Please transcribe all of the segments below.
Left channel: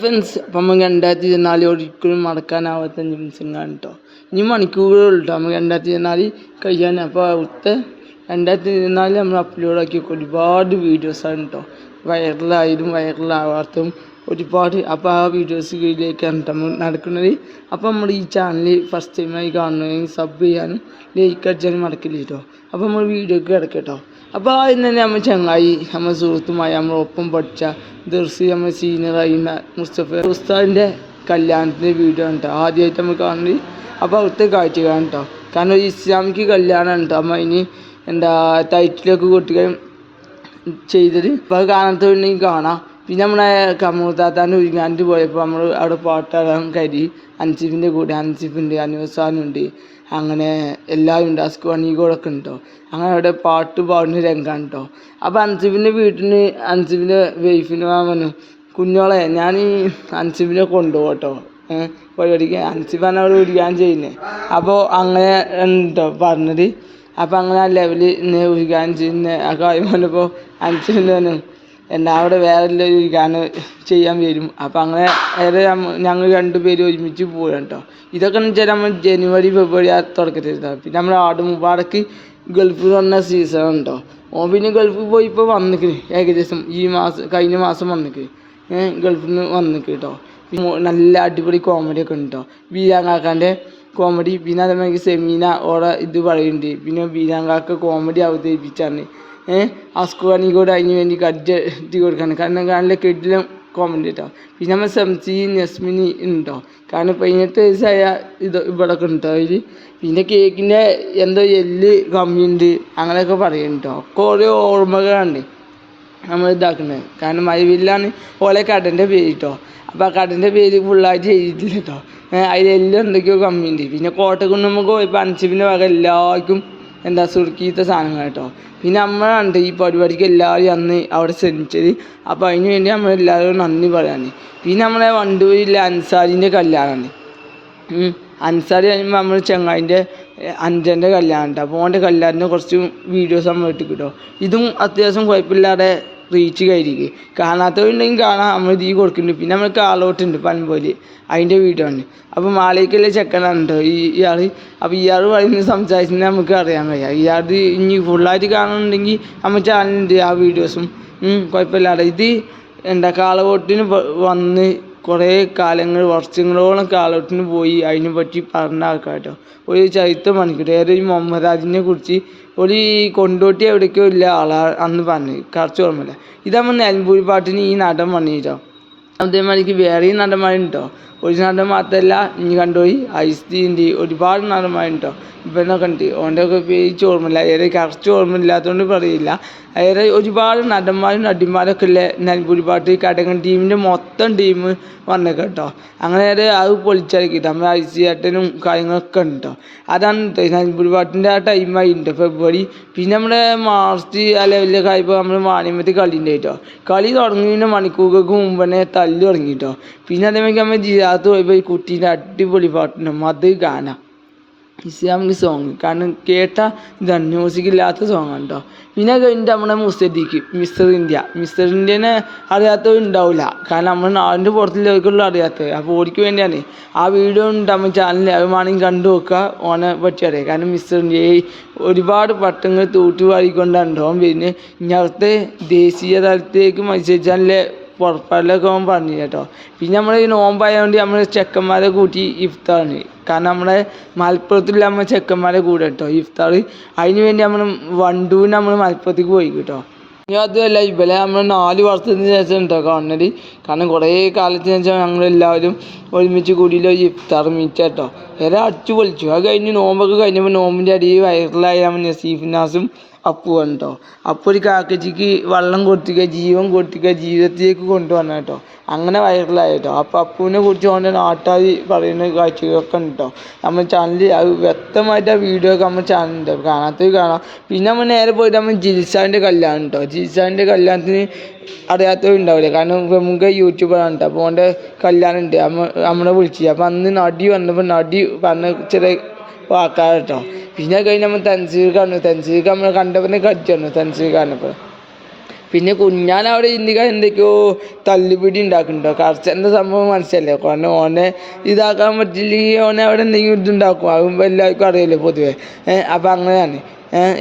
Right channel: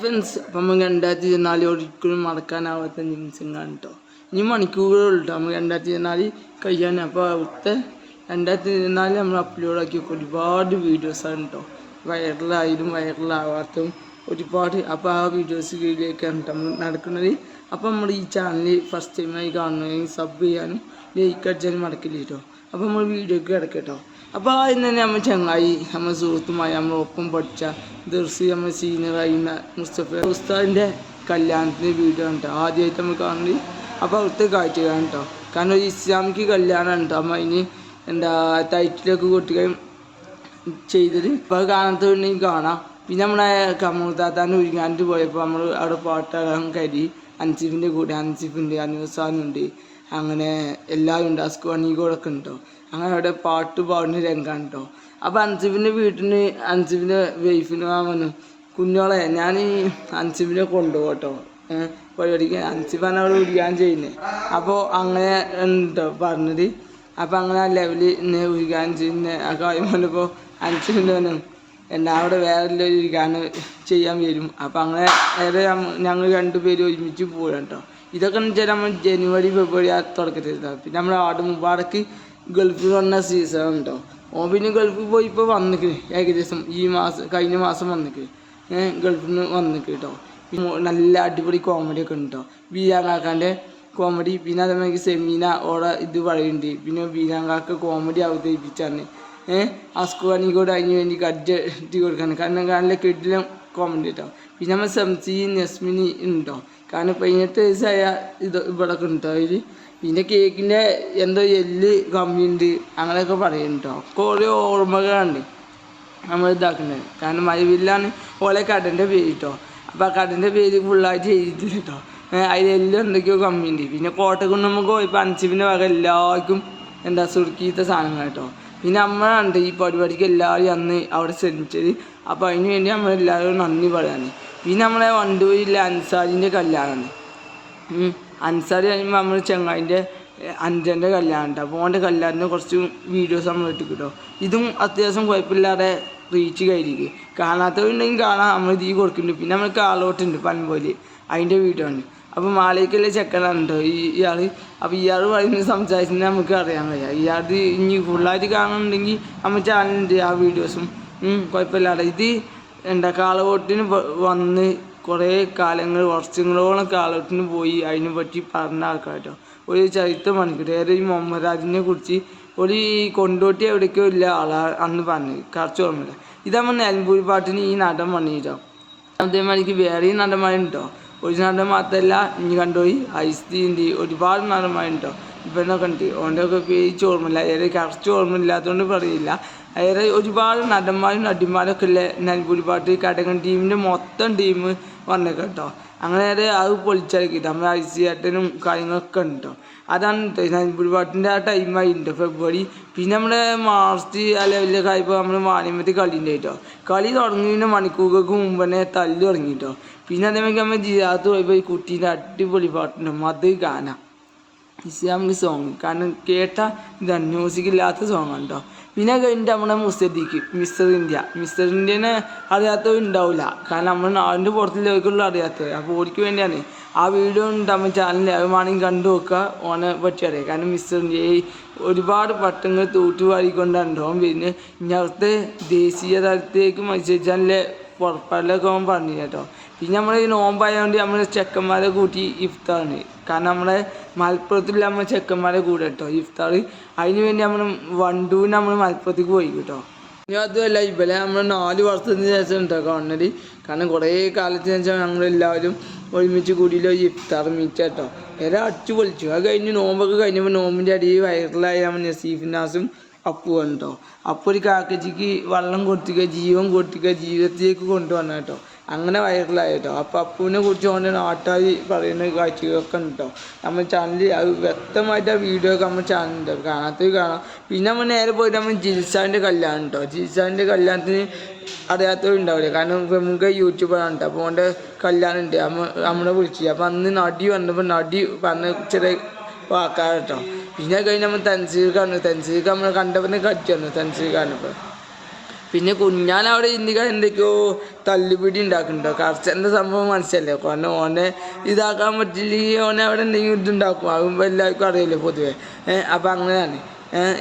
Friends, അപ്പം നമുക്ക് 2024 ഒരിക്കലും മറക്കാനാവാത്ത നിമിഷങ്ങളാണ് കേട്ടോ. ഇനി മണിക്കൂറുകൾ കേട്ടോ നമുക്ക് 2024 കഴിയാൻ. അപ്പോൾ അവിടുത്തെ 2024 നമ്മൾ അപ്ലോഡ് ആക്കി ഒരുപാട് വീഡിയോസാണ് കേട്ടോ. വൈറലാവാത്തതും ഒരുപാട്. അപ്പോൾ ആ വീഡിയോസ് വീഡിയോക്കാണ് കേട്ടോ നമ്മൾ നടക്കുന്നത്. അപ്പോൾ നമ്മൾ ഈ ചാനൽ ഫസ്റ്റ് ടൈമായി കാണുന്നതെങ്കിൽ സബ് ചെയ്യാനും ലൈക്ക് അടിച്ചാലും മറക്കില്ല കേട്ടോ. അപ്പോൾ നമ്മൾ വീഡിയോക്ക് കിടക്കട്ടോ. അപ്പോൾ ആദ്യം തന്നെ നമ്മൾ ചങ്ങായി നമ്മൾ സുഹൃത്തുമായി നമ്മൾ ഒപ്പം പഠിച്ച ദർസി നമ്മൾ സീനിയറായി മുസ്തഫ ഉസ്താദിൻ്റെ കല്യാണത്തിൻ്റെ വീഡിയോ ആണ് കേട്ടോ ആദ്യമായിട്ട് നമ്മൾ കാണുന്നത്. അപ്പോൾ അവിടുത്തെ കാഴ്ച കാണും കേട്ടോ. കാരണം ഒരു ഇസ്ലാമിക്ക് കല്യാണമാണ് കേട്ടോ. അപ്പോൾ അതിന് ടൈറ്റിലൊക്കെ കുട്ടികൾ ചെയ്തത്. അപ്പോൾ അത് കാണാത്തുണ്ടെങ്കിൽ കാണാം. പിന്നെ നമ്മളെ കമൂത്താത്താൻ്റെ ഒരുങ്ങാണ്ട് പോയപ്പോൾ നമ്മൾ അവിടെ പാട്ടാടാൻ കരി അൻസിഫിൻ്റെ കൂടെ അൻസിഫുണ്ട്, അനുസാനുണ്ട്, അങ്ങനെ എല്ലാവരും ഉണ്ട്, അസ്കുവാണികളൊക്കെ ഉണ്ടോ. അങ്ങനെ അവിടെ പാട്ട് പാടുന്ന രംഗമാണ് കേട്ടോ. അപ്പോൾ അൻസിഫിൻ്റെ വീട്ടിൽ നിന്ന് അൻസിഫിൻ്റെ വൈഫിന് പറഞ്ഞു, കുഞ്ഞോളെ ഞാൻ ഈ അൻസിഫിനെ കൊണ്ടുപോകും കേട്ടോ പരിപാടിക്ക്. അൻസിഫാണ് അവിടെ ഉരുകാൻ ചെയ്യുന്നത്. അപ്പോൾ അങ്ങനെ ഉണ്ടോ പറഞ്ഞത്. അപ്പോൾ അങ്ങനെ ആ ലെവലിൽ ഉരുകാൻ ചെയ്യുന്ന ആ കാര്യം പറഞ്ഞപ്പോൾ അൻസിഫിൻ്റെ അവിടെ വേറെ ഒരു ഗാനം ചെയ്യാൻ വരും. അപ്പോൾ അങ്ങനെ വേറെ ഞങ്ങൾ രണ്ടുപേരും ഒരുമിച്ച് പോകാം കേട്ടോ. ഇതൊക്കെ എന്ന് വെച്ചാൽ നമ്മൾ ജനുവരി ഫെബ്രുവരി ആ തുടക്കത്തിലാണ്. പിന്നെ നമ്മൾ ആട് മുബാറക്ക് ഗൾഫിൽ വന്ന സീസൺ ഉണ്ടോ. പിന്നെ ഗൾഫിൽ പോയി ഇപ്പോൾ വന്നിക്ക് ഏകദേശം ഈ മാസം കഴിഞ്ഞ മാസം വന്നിക്ക് ഗൾഫിൽ നിന്ന് വന്നിക്ക് കേട്ടോ. നല്ല അടിപൊളി കോമഡി ഒക്കെ ഉണ്ട് കേട്ടോ. ബീരാങ്കാക്കാൻ്റെ കോമഡി. പിന്നെ അതേമാതിരി സെമീന ഓടെ ഇത് പറയുന്നുണ്ട്. പിന്നെ ബീരാങ്കാക്ക് കോമഡി അവതരിപ്പിച്ചാണ് അസ്കുവാണിക്കൂടെ അതിന് വേണ്ടി കജ്ജി കൊടുക്കാണ്. കാരണം നല്ല കെട്ടിലും കോമഡി കേട്ടോ. പിന്നെ നമ്മൾ സംസി നസ്മിനി ഉണ്ടോ. കാരണം 18 വയസ്സായ ഇവിടെയൊക്കെ ഉണ്ടോ അതിൽ. പിന്നെ കേക്കിൻ്റെ എന്തോ എല്ല് കമ്മിയുണ്ട് അങ്ങനെയൊക്കെ പറയുന്നുണ്ടോ. ഒക്കെ ഓരോ ഓർമ്മകളാണ് നമ്മൾ ഇതാക്കുന്നത്. കാരണം മൈവില്ലാണ് ഓലെ കടൻ്റെ പേര് കേട്ടോ. അപ്പോൾ ആ കടൻ്റെ പേര് ഫുള്ളായിട്ട് എഴുതിയിട്ടില്ല കേട്ടോ. അതിലെല്ലാം എന്തൊക്കെയോ കമ്മിയുണ്ട്. പിന്നെ കോട്ടക്കുന്ന് നമുക്ക് പോയപ്പോൾ അൻസിഫിൻ്റെ വക എല്ലാവർക്കും സുർക്കീത്ത സാധനങ്ങൾ കേട്ടോ. പിന്നെ നമ്മളാണ്ട് ഈ പരിപാടിക്ക് എല്ലാവരും അന്ന് അവിടെ ശ്രമിച്ചത്. അപ്പോൾ അതിന് വേണ്ടി നമ്മളെല്ലാവരും നന്ദി പറയാന്. പിന്നെ നമ്മളെ വണ്ടൂരിലെ അൻസാരിൻ്റെ കല്യാണമാണ്. അൻസാരി കഴിയുമ്പോൾ നമ്മൾ ചെങ്ങായിൻ്റെ അഞ്ചൻ്റെ കല്യാണം കേട്ടോ. അപ്പോൾ അവൻ്റെ കല്യാണത്തിന് കുറച്ച് വീഡിയോസ് നമ്മൾ ഇട്ട് കിട്ടോ. ഇതും അത്യാവശ്യം കുഴപ്പമില്ലാതെ റീച്ച് കയറിയിരിക്കും. കാണാത്തവരുണ്ടെങ്കിൽ കാണാം. നമ്മൾ ഇത് കൊടുക്കുന്നുണ്ട്. പിന്നെ നമ്മൾ കാളോട്ടുണ്ട് പൻപോലെ അതിൻ്റെ വീഡിയോ ആണ്. അപ്പോൾ മാലയ്ക്കുള്ള ചെക്കനാണ് കേട്ടോ ഇയാൾ. അപ്പോൾ ഇയാൾ പറയുന്നത് സംസാരിച്ചിട്ട് നമുക്ക് അറിയാൻ കഴിയാം. ഇയാൾ ഇനി ഫുള്ളായിട്ട് കാണുന്നുണ്ടെങ്കിൽ നമ്മൾ ചാനലുണ്ട് ആ വീഡിയോസും കുഴപ്പമില്ലാതെ. ഇത് കാളവോട്ടിന് വന്ന് കുറേ കാലങ്ങൾ വർഷങ്ങളോളം കാളവോട്ടിന് പോയി അതിനെ പറ്റി പറഞ്ഞ ആൾക്കാർ കേട്ടോ. ഒരു ചരിത്രം മണിക്കൂർ ഏറെ ഒരു മുഹമ്മദ് രാജിനെ കുറിച്ച് ഒരു കൊണ്ടോട്ടി എവിടേക്കോ ഇല്ല ആളാ അന്ന് പറഞ്ഞത്. കുറച്ച് ഓർമ്മയില്ല. ഇതാകുമ്പോൾ നിലമ്പൂർ പാട്ടിന് ഈ നടൻ വന്നിട്ടോ. അതേമാതിരിക്ക് വേറെയും നടന്മാരുണ്ട് കേട്ടോ. ഒരു നടൻ മാത്രമല്ല ഇനി കണ്ടുപോയി ഐസ്തീൻ്റെ ഒരുപാട് നടന്മാരുണ്ട് കേട്ടോ. ഇപ്പം കണ്ട് ഓൻ്റെയൊക്കെ പേച്ച് ഓർമ്മയില്ല. ഏറെ കറക്റ്റ് ഓർമ്മയില്ലാത്തതുകൊണ്ട് പറയില്ല. ഏറെ ഒരുപാട് നടന്മാരും നടിമാരൊക്കെ ഉള്ള നിലമ്പൂർ പാട്ട് കടകൻ ടീമിൻ്റെ മൊത്തം ടീം വന്നേക്കാം കേട്ടോ. അങ്ങനെ അത് പൊളിച്ചിറക്കിയിട്ട് നമ്മൾ ഐസിയേട്ടനും കാര്യങ്ങളൊക്കെ ഉണ്ട് കേട്ടോ. അതാണ് നിലമ്പൂർ പാട്ടിൻ്റെ ആ ടൈമായിട്ടുണ്ട് ഫെബ്രുവരി. പിന്നെ നമ്മുടെ മാർച്ച് ആ ലെവലിലൊക്കെ ആയപ്പോൾ നമ്മൾ വാണിയമ്പലത്തിൽ കളിയുണ്ട് കേട്ടോ. കളി തുടങ്ങിയതിന് മണിക്കൂറുകൾക്ക് മുമ്പ് തന്നെ തല്ല് തുടങ്ങി കേട്ടോ. പിന്നെ അതേമാതിരി നമ്മൾ ജിയാത്ത് പോയപ്പോൾ ഈ കുട്ടീൻ്റെ അടിപൊളി പാട്ടുണ്ട് അത് കാണാം. ഇസ്ലാമിക് സോങ് കാരണം കേട്ട ഇതാണ് മ്യൂസിക്കില്ലാത്ത സോങ്ങാണ് കേട്ടോ. പിന്നെ കഴിഞ്ഞിട്ട് നമ്മുടെ മിസ്റ്റർ ഇന്ത്യനെ അറിയാത്തവരുണ്ടാവില്ല. കാരണം നമ്മുടെ നാടിൻ്റെ പുറത്തിലേക്കുള്ള അറിയാത്തത്. അപ്പോൾ ഓടിക്ക് വേണ്ടിയാണ് ആ വീഡിയോ ഉണ്ട് നമ്മൾ ചാനലിൽ. അത് വേണമെങ്കിൽ കണ്ടു നോക്കുക. ഓനെ പറ്റി അറിയാം. കാരണം മിസ്റ്റർ ഇന്ത്യ ഒരുപാട് പട്ടങ്ങൾ തൂറ്റുവാരിക്കൊണ്ടാണ് ഓൻ വരുന്നത്. ഇനി അവിടുത്തെ ദേശീയ തലത്തിലേക്ക് മത്സരിച്ചാലേ പുറപ്പാടിലൊക്കെ ഓൻ പറഞ്ഞു കേട്ടോ. പിന്നെ നമ്മൾ ഈ നോമ്പായതുകൊണ്ട് നമ്മൾ ചെക്കന്മാരെ കൂട്ടി ഇഫ്താറാണ്. കാരണം നമ്മുടെ മലപ്പുറത്തില്ല നമ്മൾ ചെക്കന്മാരെ കൂടെ കേട്ടോ ഇഫ്താർ. അതിന് വേണ്ടി നമ്മൾ വണ്ടൂരിന് നമ്മൾ മലപ്പുറത്തേക്ക് പോയി കേട്ടോ. ഇനി അതുമല്ല ഇവലെ നമ്മൾ 4 വർഷത്തിന് ശേഷം കേട്ടോ കാണുന്നത്. കാരണം കുറേ കാലത്തിന് ശേഷം ഞങ്ങളെല്ലാവരും ഒരുമിച്ച് കൂടിയില്ല ഇഫ്താർ മീറ്റ് കേട്ടോ. വേറെ അടിച്ചു പൊളിച്ചു. അത് കഴിഞ്ഞ് നോമ്പൊക്കെ കഴിഞ്ഞപ്പോൾ നോമ്പിൻ്റെ അടിയിൽ വൈറലായി നമ്മൾ നസീഫ് നാസും അപ്പുവാണ് കേട്ടോ. അപ്പോൾ ഒരു കാക്കച്ചിക്ക് വെള്ളം കൊടുത്തിക്കുക ജീവൻ കൊടുത്തിക്കുക ജീവിതത്തിലേക്ക് കൊണ്ടുവന്ന കേട്ടോ. അങ്ങനെ വൈറലായി കേട്ടോ. അപ്പോൾ അപ്പുവിനെ കുറിച്ച് അവൻ്റെ നാട്ടുകാർ പറയുന്ന കാഴ്ചകളൊക്കെ ഉണ്ട് കേട്ടോ. നമ്മൾ ചാനലിൽ അത് വ്യക്തമായിട്ട് ആ വീഡിയോ ഒക്കെ നമ്മൾ ചാനലുണ്ട്. കാണാത്തത് കാണാം. പിന്നെ നമ്മൾ നേരെ പോയിട്ട് നമ്മൾ ജിൽസാൻ്റെ കല്യാണം കേട്ടോ. ജിൽസാൻ്റെ കല്യാണത്തിന് അറിയാത്തവരുണ്ടാവില്ല. കാരണം പ്രമുഖ യൂട്യൂബറാണ് കേട്ടോ. അപ്പോൾ അവൻ്റെ കല്യാണം ഉണ്ട്. നമ്മളെ വിളിച്ചു. അപ്പോൾ അന്ന് നടി വന്നപ്പോൾ നടി പറഞ്ഞ ചെറിയ വാക്കാർ കേട്ടോ. പിന്നെ കഴിഞ്ഞ് നമ്മൾ തൻസീർക്ക് നമ്മൾ കണ്ടവനെ കടിച്ചു തന്നു തൻസീർ കാണപ്പോൾ. പിന്നെ കുഞ്ഞാനവിടെ ഇന്ത്യക്ക് എന്തൊക്കെയോ തല്ലുപിടി ഉണ്ടാക്കുന്നുണ്ടോ. കർച്ചൻ്റെ സംഭവം മനസ്സിലല്ലേ, കാരണം ഓനെ ഇതാക്കാൻ പറ്റില്ലെങ്കിൽ ഓനെ അവിടെ എന്തെങ്കിലും ഇതുണ്ടാക്കും. അതും എല്ലാവർക്കും അറിയില്ലേ പൊതുവേ. അപ്പം അങ്ങനെയാണ്.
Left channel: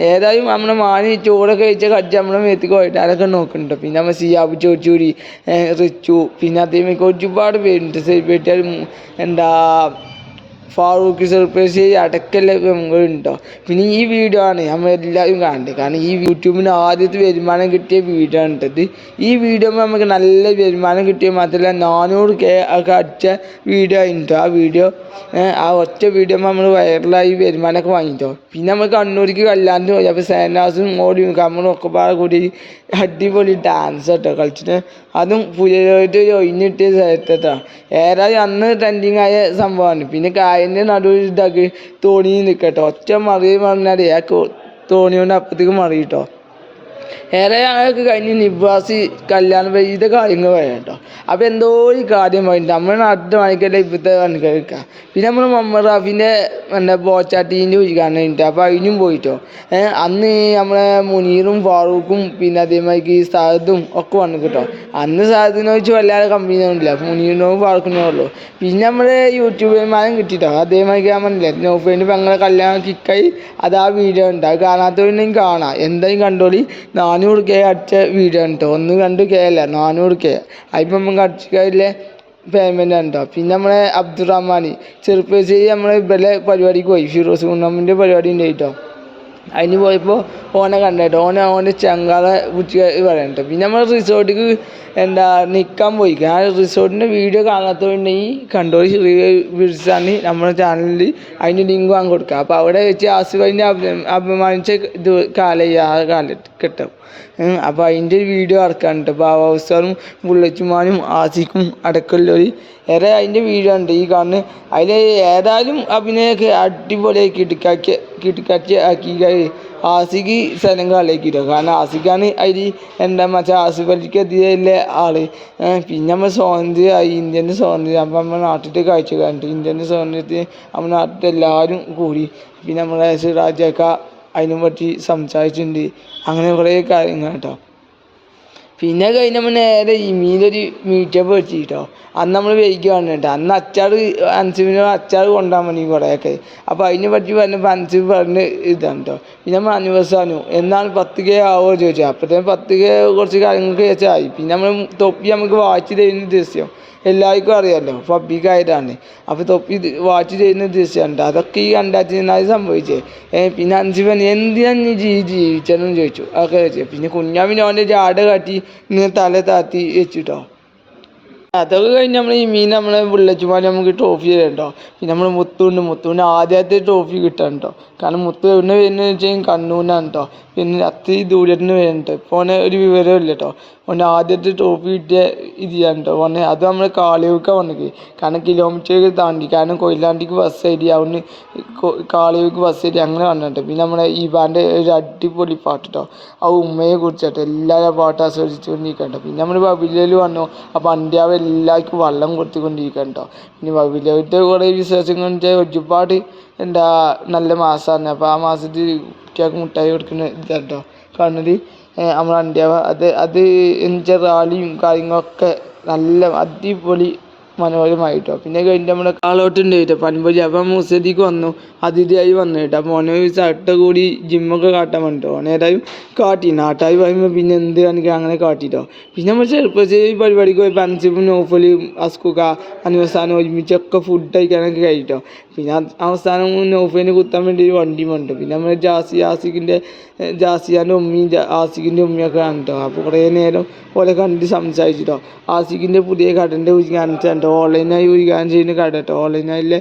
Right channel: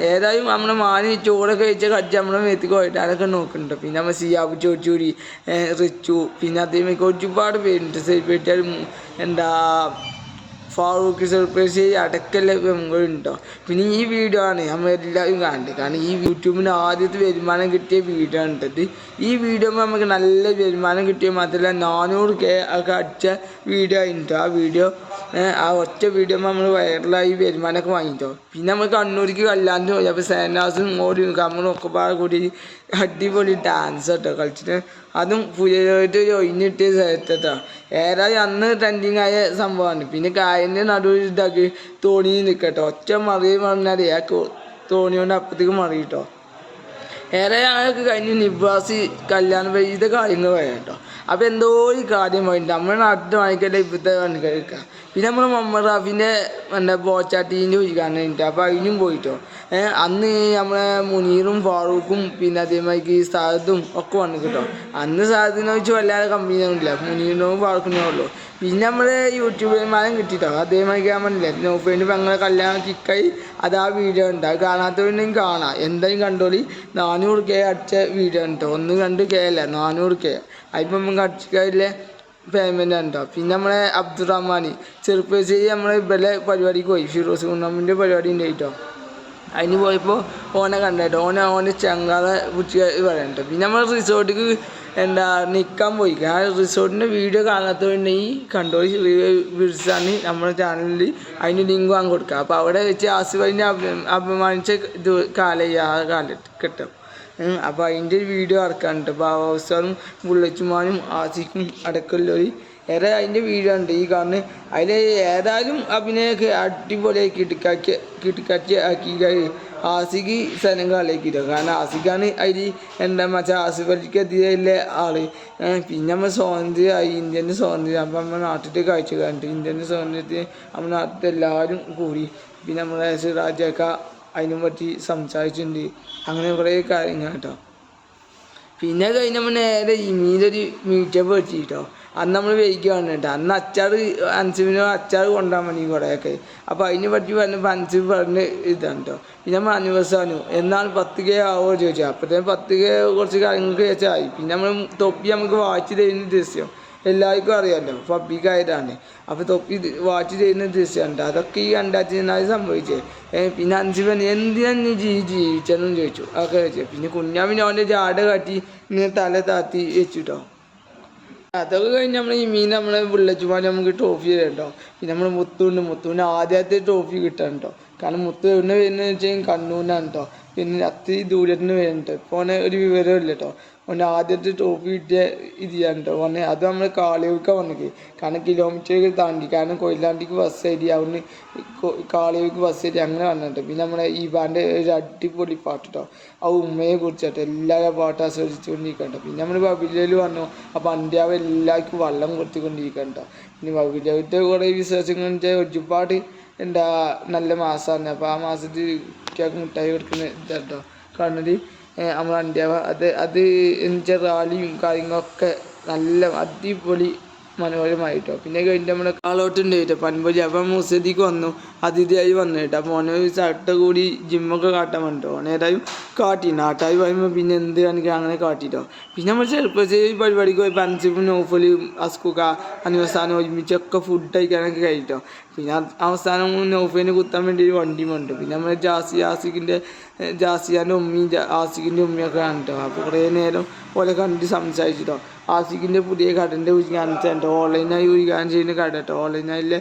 ഏതായാലും നമ്മുടെ മാനി ചോറൊക്കെ കഴിച്ച കജ്ജ് നമ്മുടെ മേത്തേക്ക് പോയിട്ട് അതൊക്കെ നോക്കുന്നുണ്ട്. പിന്നെ നമ്മൾ സിയാബ് ചോച്ചൂരി, റിച്ചു, പിന്നെ അതേമാതിരി ഒരുപാട് പേരുണ്ട്. സെലിബ്രിറ്റി എന്താ ഫാറൂഖ് സർപ്രൈസ് അടക്കല്ല ഉണ്ടോ. പിന്നെ ഈ വീഡിയോ ആണ് നമ്മൾ എല്ലാവരും കാണേണ്ടത്. കാരണം ഈ യൂട്യൂബിന് ആദ്യത്തെ വരുമാനം കിട്ടിയ വീഡിയോ ആണിട്ടത്. ഈ വീഡിയോ നമുക്ക് നല്ല വരുമാനം കിട്ടിയ മാത്രമല്ല 400K ഒക്കെ അടിച്ച വീഡിയോ ആയിട്ടോ. ആ വീഡിയോ ആ ഒറ്റ വീഡിയോ നമ്മൾ വൈറലായി വരുമാനമൊക്കെ വാങ്ങിയിട്ടോ. പിന്നെ നമ്മൾ കണ്ണൂർക്ക് കല്യാണത്തിന് പോയി. അപ്പോൾ സേനാസും ഓടി നമ്മളും ഒക്കെ പാടെ കൂടി അടിപൊളി ഡാൻസ് കേട്ടോ കളിച്ചിട്ട്. അതും പുതിയതായിട്ട് ഒഴിഞ്ഞിട്ടിയ സ്ഥലത്തേട്ടോ. ഏതായാലും അന്ന് ട്രെൻഡിങ് ആയ സംഭവമാണ്. പിന്നെ കായലിൻ്റെ നടുവിൽ ഇതാക്കി തോണി നിൽക്കട്ടോ. ഒറ്റ മറിയ പറഞ്ഞാൽ ആ തോണി കൊണ്ട് അപ്പത്തേക്ക് മറിയിട്ടോ. ഏറെ ഞങ്ങൾക്ക് കഴിഞ്ഞ് നിവാസി കല്യാണം ഇതൊക്കെ കാര്യങ്ങൾ പറയാം കേട്ടോ. അപ്പോൾ എന്തോ ഒരു കാര്യം പറയുന്നുണ്ട് നമ്മുടെ നാട്ടിൽ വാങ്ങിക്കട്ടെ ഇപ്പോഴത്തെ പണിക്കാരൊക്കെ. പിന്നെ നമ്മൾ മുഹമ്മദ് റാഫിൻ്റെ ബോച്ചാട്ടീൻ്റെ ഉദ്ഘാടനം ഉണ്ട്. അപ്പോൾ അതിനും പോയിട്ടോ. അന്ന് നമ്മളെ മുനീറും ഫാറൂഖും പിന്നെ അതേമാതിരി സാദും ഒക്കെ വന്നു കേട്ടോ. അന്ന് സാദത്തിനെ വെച്ച് വല്ലാതെ കമ്പനി ഒന്നുമില്ല, മുനീറിനോ ഫാറൂഖിനോ ഉള്ളൂ. പിന്നെ നമ്മൾ യൂട്യൂബർമാരും കിട്ടിട്ടോ. അതേമാതിരി ഞാൻ പറഞ്ഞില്ലേ നൗഫേൻ്റെ പെങ്ങളെ കല്യാണം കിക്കായി അത് ആ വീഡിയോ ഉണ്ട്. അത് കാണാത്തവരുണ്ടെങ്കിൽ കാണാം, എന്തായാലും കണ്ടോളി. 400K അടിച്ച വീഡിയോ ആണ് കേട്ടോ. 1-2K അല്ല, 400K. അതിപ്പോൾ നമുക്ക് അടിച്ചില്ലേ പേയ്മെൻ്റ് ആണ് കേട്ടോ. പിന്നെ നമ്മളെ അബ്ദുറഹ്മാൻ ചെറുപ്പശ്ശേരി നമ്മൾ ഇവിടെ പരിപാടിക്ക് പോയി. ഫിറോസ് കുന്നമ്മിൻ്റെ പരിപാടി ഉണ്ട് കേട്ടോ. അതിന് പോയപ്പോൾ ഓനെ കണ്ടോ. ഓൻ്റെ ചങ്കാളെ കുറിച്ച് പറയാൻ കേട്ടോ. പിന്നെ നമ്മൾ റിസോർട്ടിക്ക് നിൽക്കാൻ പോയി. ആ റിസോർട്ടിൻ്റെ വീഡിയോ കാണാത്തതുണ്ടെങ്കിൽ കണ്ടോളി. വിളിച്ചാണ് നമ്മുടെ ചാനലിൽ അതിന് ലിങ്ക് വാങ്ങി കൊടുക്കുക. അപ്പോൾ അവിടെ വെച്ച് ആസിഫിനെ അപമാനിച്ച ഇത് ആ കാലഘട്ടം. അപ്പോൾ അതിൻ്റെ വീഡിയോ ഇറക്കാണ് കേട്ടോ. ബാബാസാറും ബുള്ളച്ചുമാനും ആസിക്കും അടക്കമുള്ളവർ ഏറെ അതിൻ്റെ വീഡിയോ ഉണ്ട് ഈ കാണുന്നത്. അതിൽ ഏതായാലും അഭിനയമൊക്കെ അടിപൊളിയായി കിടക്കാച്ചി ആക്കി ആസിക്ക് സ്ഥലം കളിയാക്കിയിട്ടോ. കാരണം ആസിക്കാണ് അതിൽ ആസിഫ് അലിക്കെതിരെയുള്ള ആൾ. പിന്നെ നമ്മൾ സ്വാതന്ത്ര്യമായി, ഇന്ത്യൻ്റെ സ്വാതന്ത്ര്യം. അപ്പം നമ്മുടെ നാട്ടിലത്തെ കാഴ്ച കണ്ടിട്ട് ഇന്ത്യൻ്റെ സ്വാതന്ത്ര്യത്തിന് നമ്മുടെ നാട്ടിൽ എല്ലാവരും കൂടി. പിന്നെ നമ്മുടെ സിറാജൊക്കെ അതിനെ പറ്റി സംസാരിച്ചിട്ടുണ്ട്. അങ്ങനെ കുറേ കാര്യങ്ങൾ കേട്ടോ. പിന്നെ കഴിഞ്ഞപ്പോൾ നേരെ ഈ മീനൊരു മീറ്റപ്പ് വെച്ചിട്ടോ. അന്ന് നമ്മൾ വൈകിയാണ് കേട്ടോ. അന്ന് അൻസിബിന് അച്ചാർ കൊണ്ടുപോകാൻ വേണ്ടി കുറേയൊക്കെ. അപ്പോൾ അതിനെ പറ്റി പറഞ്ഞപ്പോൾ അൻസിബ് പറഞ്ഞ് ഇതാണ് കേട്ടോ. പിന്നെ നമ്മൾ അനിവേഴ്സാണ് എന്നാണ് 10K ആവുമോ ചോദിച്ചാൽ. അപ്പോഴത്തേക്കും 10K കുറച്ച് കാര്യങ്ങൾക്ക് വെച്ചായി. പിന്നെ നമ്മൾ തൊപ്പി നമുക്ക് വാച്ച് തരുന്ന ദൃശ്യം എല്ലാവർക്കും അറിയാമല്ലോ, പബ്ലിക്കായിട്ടാണ്. അപ്പോൾ തൊപ്പി വാച്ച് ചെയ്യുന്ന ദൃശ്യമുണ്ട്. അതൊക്കെ ഈ 2004 സംഭവിച്ചേ. പിന്നെ അൻസിബൻ എന്തിനാണ് നീ ജീവിച്ചെന്നും ചോദിച്ചു. അതൊക്കെ വെച്ചു. പിന്നെ കുഞ്ഞാമിന് അവൻ്റെ ജാട കാട്ടി ഇങ്ങനെ തല താത്തി വെച്ചിട്ടോ. അതൊക്കെ കഴിഞ്ഞ് നമ്മൾ ഈ മീൻ നമ്മളെ വിളിച്ചുപോലെ നമുക്ക് ട്രോഫി തരണ്ടോ. പിന്നെ നമ്മൾ മുത്തുവിന് ആദ്യത്തെ ട്രോഫി കിട്ടാൻ കേട്ടോ. കാരണം മുത്ത് എവിടെ വരുന്നത് വെച്ചാൽ കണ്ണൂരിനാണ് കേട്ടോ. പിന്നെ അത്രയും ദൂരത്തിന് വരുന്നുണ്ട്. ഇപ്പോൾ ഓനെ ഒരു വിവരമില്ല കേട്ടോ. ഓനെ ആദ്യത്തെ ട്രോഫി കിട്ടിയ ഇത് ചെയ്യാൻ കേട്ടോ. ഓനെ അത് നമ്മൾ കാളിയൂക്ക വന്നത്. കാരണം കിലോമീറ്റർ താണ്ടി, കാരണം കൊയിലാണ്ടിക്ക് ബസ് കയറി അവിടുന്ന് കാളിയൂക്ക് ബസ് കയറി അങ്ങനെ വന്നിട്ട്. പിന്നെ നമ്മളെ ഈ ബാൻ്റെ ഒരു അടിപൊളി പാട്ട് കേട്ടോ. ആ ഉമ്മയെ കുറിച്ചിട്ട് എല്ലാവരും പാട്ട് ആസ്വദിച്ചുകൊണ്ടിരിക്കട്ടോ. പിന്നെ നമ്മൾ ബബിലയിൽ വന്നു. അപ്പോൾ അന്ത്യാവ് എല്ലാവർക്കും വെള്ളം കൊടുത്തുകൊണ്ടിരിക്കട്ടോ. പിന്നെ ബബിലത്തെ കുറേ വിശ്വാസങ്ങൾ ഒരുപാട് നല്ല മാസമാണ്. അപ്പോൾ ആ മാസത്തിൽ കുട്ടികൾക്ക് മുട്ടായി കൊടുക്കുന്ന ഇതാട്ടോ കാണുന്നത്. നമ്മൾ അന്ത്യാവ് അത് എന്നുവെച്ചാൽ റാലിയും കാര്യങ്ങളൊക്കെ നല്ല അടിപൊളി മനോഹരമായിട്ടോ. പിന്നെ കഴിഞ്ഞിട്ട് നമ്മുടെ ആളോട്ടുണ്ട് കേട്ടോ പൻപൊലി. അപ്പം മുസദിക്ക് വന്നു, അതിഥിയായി വന്നു കേട്ടോ. അപ്പോൾ ഓനെ ഷർട്ട് കൂടി ജിമ്മൊക്കെ കാട്ടാൻ വേണ്ടിട്ടോ. ഓനേതായാലും കാട്ടി. നാട്ടായി പറയുമ്പോൾ പിന്നെ എന്ത് കാണിക്കുക അങ്ങനെ കാട്ടിട്ടോ. പിന്നെ നമ്മൾ ചെറുപ്പശ്ശേരി പരിപാടിക്ക് പോയപ്പോൾ അൻസിബും നൗഫലും അസ്കുക അനിവസാനം ഒരുമിച്ചൊക്കെ ഫുഡ് കഴിക്കാനൊക്കെ കഴിട്ടോ. പിന്നെ അവസാനം നൗഫലിനെ കുത്താൻ വേണ്ടി ഒരു വണ്ടി വന്നു. പിന്നെ നമ്മൾ ജാസിയാൻ്റെ ഉമ്മയും ആസിഖിൻ്റെ ഉമ്മയൊക്കെ കണ്ടിട്ടോ. അപ്പോൾ കുറേ നേരം ഓലെ കണ്ട് സംസാരിച്ചിട്ടോ. ആസിഖിൻ്റെ പുതിയ കടൻ്റെ ഉദ്ഘാടനം കേട്ടോ. ഓൺലൈനായി ഉദ്ഘാടനം ചെയ്യുന്ന കട കേട്ടോ. ഓൺലൈനായിലെ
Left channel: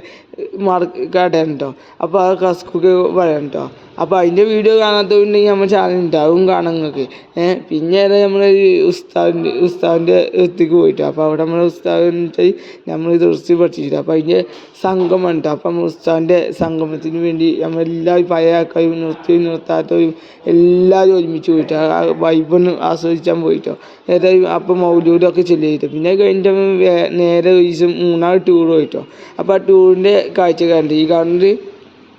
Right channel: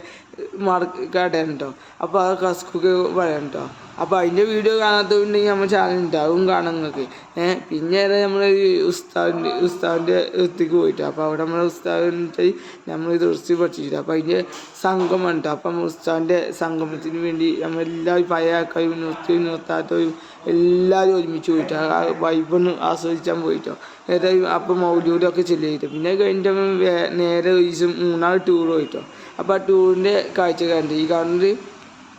കടയാണ് കേട്ടോ. അപ്പോൾ ആ കസ്കുക്ക് പറയാം കേട്ടോ. അപ്പോൾ അതിൻ്റെ വീഡിയോ കാണാത്തതുണ്ടെങ്കിൽ നമ്മൾ ചാനൽ ഉണ്ടാവും കാണാൻ നിങ്ങൾക്ക്. പിന്നെ നമ്മൾ ഉസ്താവിൻ്റെ എത്തിക്ക് പോയിട്ട്. അപ്പോൾ അവിടെ നമ്മൾ ഉസ്താവിൻ്റെ നമ്മൾ തുറച്ച് പഠിച്ചിട്ട്. അപ്പോൾ അതിൻ്റെ സംഗമം ഉണ്ട്. അപ്പം നമ്മൾ ഉസ്താവിൻ്റെ സംഗമത്തിന് വേണ്ടി നമ്മളെല്ലാവരും പഴയ ആൾക്കാരും നിർത്താത്തവരും എല്ലാവരും ഒരുമിച്ച് പോയിട്ട് ആ വൈബൊന്ന് ആസ്വദിച്ചാൻ പോയിട്ടോ. ഏതായാലും അപ്പോൾ മൗലൂദൊക്കെ ചെല്ലിയിട്ട്. പിന്നെ കഴിഞ്ഞിട്ട് നേരെ ദിവസം 3 ടൂർ പോയിട്ടോ. അപ്പോൾ ആ ടൂറിൻ്റെ കാഴ്ച കണ്ട് ഈ കാണുന്നത്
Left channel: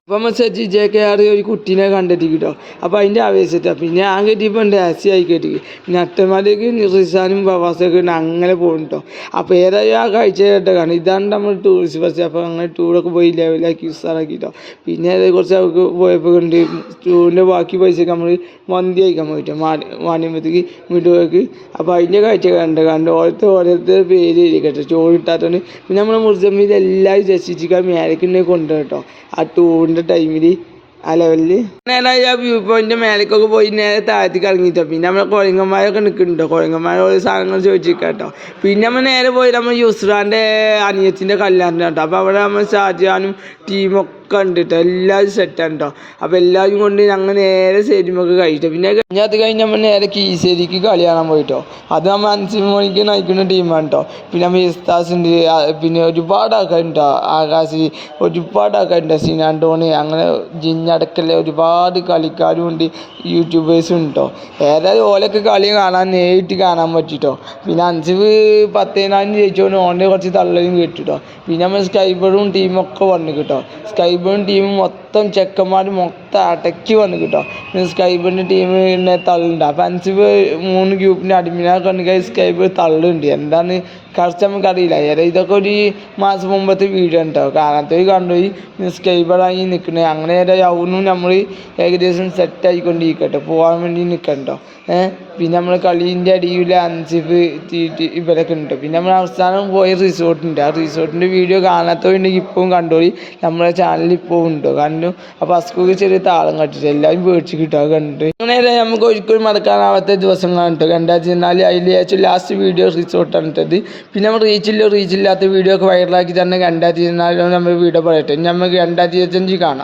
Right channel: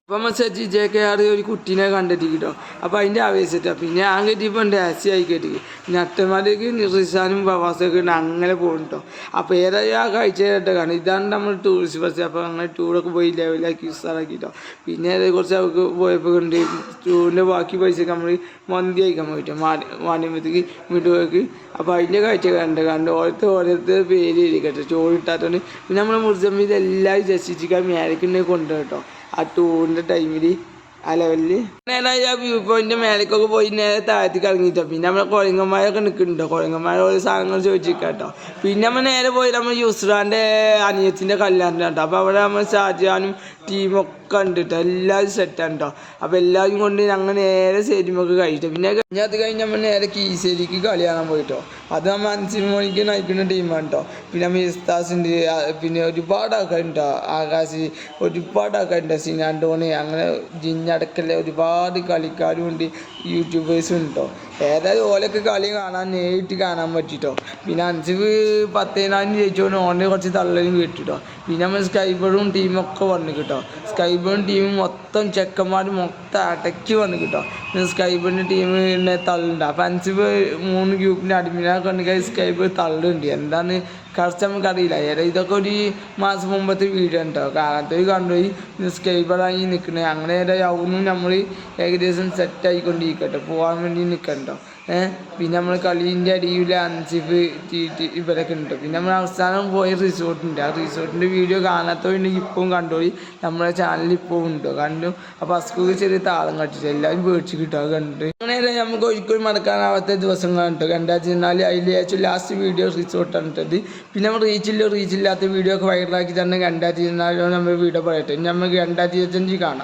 അപ്പം നമ്മൾ JKR ഒരു കുട്ടീനെ കണ്ടെത്തി കേട്ടോ. അപ്പോൾ അതിൻ്റെ ആവേശിട്ടാണ് പിന്നെ ഞാൻ കെട്ടിയപ്പോൾ ഡാസി ആയി കെട്ടി പിന്നെ അട്ടന്മാരേക്ക് റിസാനും പ്രവാസമൊക്കെ അങ്ങനെ പോകും കേട്ടോ. അപ്പോൾ ഏതായാലും ആ കാഴ്ച കേട്ടോ കാരണം ഇതാണ് നമ്മൾ ടൂറിസ്റ്റ് ബസ്. അപ്പോൾ അങ്ങനെ ടൂറൊക്കെ പോയി ലെവലാക്കി ഉസാറാക്കി കേട്ടോ. പിന്നെ കുറച്ച് അവർക്ക് പോയപ്പോൾ ഉണ്ട് ടൂറിൻ്റെ ബാക്കി പൈസയൊക്കെ നമ്മൾ മന്തി കഴിക്കാൻ പോയിട്ടോ മാന്യമ്പത്തേക്ക് വീട്ടുപോക്ക്. അപ്പോൾ അതിൻ്റെ കാഴ്ച കണ്ട് ഓരോരുത്തർ പേര് കേട്ടോ ചോറ് കിട്ടാത്തതുകൊണ്ട് പിന്നെ നമ്മൾ മുറിച്ചമ്മിൽ എല്ലാവരും രസിച്ചിക്കാൻ മേലേക്കുണ്ടെങ്കിൽ കൊണ്ടുപോയി കേട്ടോ ആ ടൂറിൻ്റെ ടൈമിൽ ആ ലെവലിൽ. നേരെ ആ വ്യൂ പോയിൻ്റെ മേലേക്കൊക്കെ പോയി നേരെ താഴത്തേക്ക് ഇറങ്ങിയിട്ടോ. പിന്നെ നമ്മളെ കുഴങ്ങന്മാരൊക്കെ നിൽക്കുന്നുണ്ടോ കുഴങ്ങന്മാർ ഓരോ സാധനങ്ങൾ ചോദിച്ചിരിക്കാം കേട്ടോ. പിന്നെ നമ്മൾ നേരെ പോയി നമ്മൾ യുസ്രാൻ്റെ അനിയത്തിൻ്റെ കല്യാണം കേട്ടോ. അപ്പോൾ അവിടെ നമ്മൾ ഷാജഹാനും ടീമൊക്കെ ഉണ്ട് കേട്ടോ. എല്ലാവരും സെറ്റാണ് കേട്ടോ. അപ്പോൾ എല്ലാവരും കൊണ്ട് ഞങ്ങൾ നേരെ സ്റ്റേഡിയമൊക്കെ കഴിച്ചിട്ടോ. പിന്നെ അത് കഴിഞ്ഞ് നമ്മൾ നേരെ കീശ്ശേരിക്ക് കളി കാണാൻ പോയിട്ടോ. അത് നമ്മൾ 5 മണിക്ക് നയിക്കുന്ന ടീമാണ് കേട്ടോ. പിന്നെ നമ്മൾ ഇസ്താസ് ഉണ്ട് പിന്നെ ഒരുപാട് ആൾക്കാരുണ്ടോ ആകാശ് ഒരുപാട് ആൾക്കാരുണ്ടോ സിനാൻഡോണി അങ്ങനെ ജിന്നടക്കല്ലേ ഒരുപാട് കളിക്കാരും ഉണ്ട് യൂട്യൂബേഴ്സും ഉണ്ടോ. ഏതായാലും ഓലൊക്കെ കളി കാണാൻ നേരിട്ട് കാണാൻ പറ്റിട്ടോ. പിന്നെ 5-10 ജയിച്ചോണ്ട് ഓൻ്റെ കുറച്ച് തള്ളയും കേട്ടിട്ടോ. പിന്നെ നമ്മൾ സ്കൈബറും ടീമൊക്കെ വന്നു കേട്ടോ. സ്കൈബറും ടീമും മൊത്തം ചെക്കന്മാരും മൊത്തം അടക്കി വന്നു കേട്ടോ. സ്കൈബറിൻ്റെ ടീമിനെ തള്ളുണ്ട്. അപ്പോൾ 3 ഗ്രൂപ്പിൻ്റെ അഡ്മിനൊക്കെ ഉണ്ടെങ്കിൽ സ്കൈബർ തള്ളുണ്ട്. എന്താണ് കറച്ച് നമുക്കറിയില്ല. ഇതൊക്കെ ഒരു മാസം മുമ്പത്തെ വീഡിയോ ഉണ്ടോ കാണാത്ത കണ്ടുപോയി സ്കൈബറായി നിൽക്കണേ. അങ്ങനെ ആവുന്നു നമ്മൾ ഏകദേശം സെറ്റായിക്കൊണ്ടിരിക്കട്ടോ പോകാൻ വേണ്ടി നിൽക്കണ്ടോ. പിന്നെ നമ്മൾ കളീൻ്റെ അടിയിൽ അൻസിഫ് ഇവരൊക്കെ ഉണ്ട്. പിന്നെ നമ്മൾ അവസാനം പോയ റിസോർട്ടുണ്ട്. ആ റിസോർട്ടിൻ്റെ വീഡിയോ കാണാത്തവരുണ്ടെങ്കിൽ ഇപ്പോഴും കണ്ടോളി നമ്മളെ ചാനലിൽ ഇപ്പോൾ ഉണ്ടോ കണ്ടു. അപ്പോൾ അസ്കൂക്ക് ചെറിയ താളം കട്ടിട്ട് എല്ലാവരും പേടിച്ച് കിട്ടുക കണ്ടിട്ട് അങ്ങനെ നമുക്ക് ഒരിക്കലും മറക്കാനാവാത്ത ദിവസങ്ങളാണ് കേട്ടോ. 2014 അതിൽ ഏറ്റവും ലാസ്റ്റ് വീഡിയോ റിസോർട്ടാണ് ഇട്ടത്. പിന്നെ നമ്മൾ റീച്ചില്ലാത്ത വീഡിയോ ഒക്കെ വൈറലാക്കി തന്നെ 2014 നമ്മൾ വീഡിയോ പറയട്ടെ. നമുക്ക് 2025 കാണാം.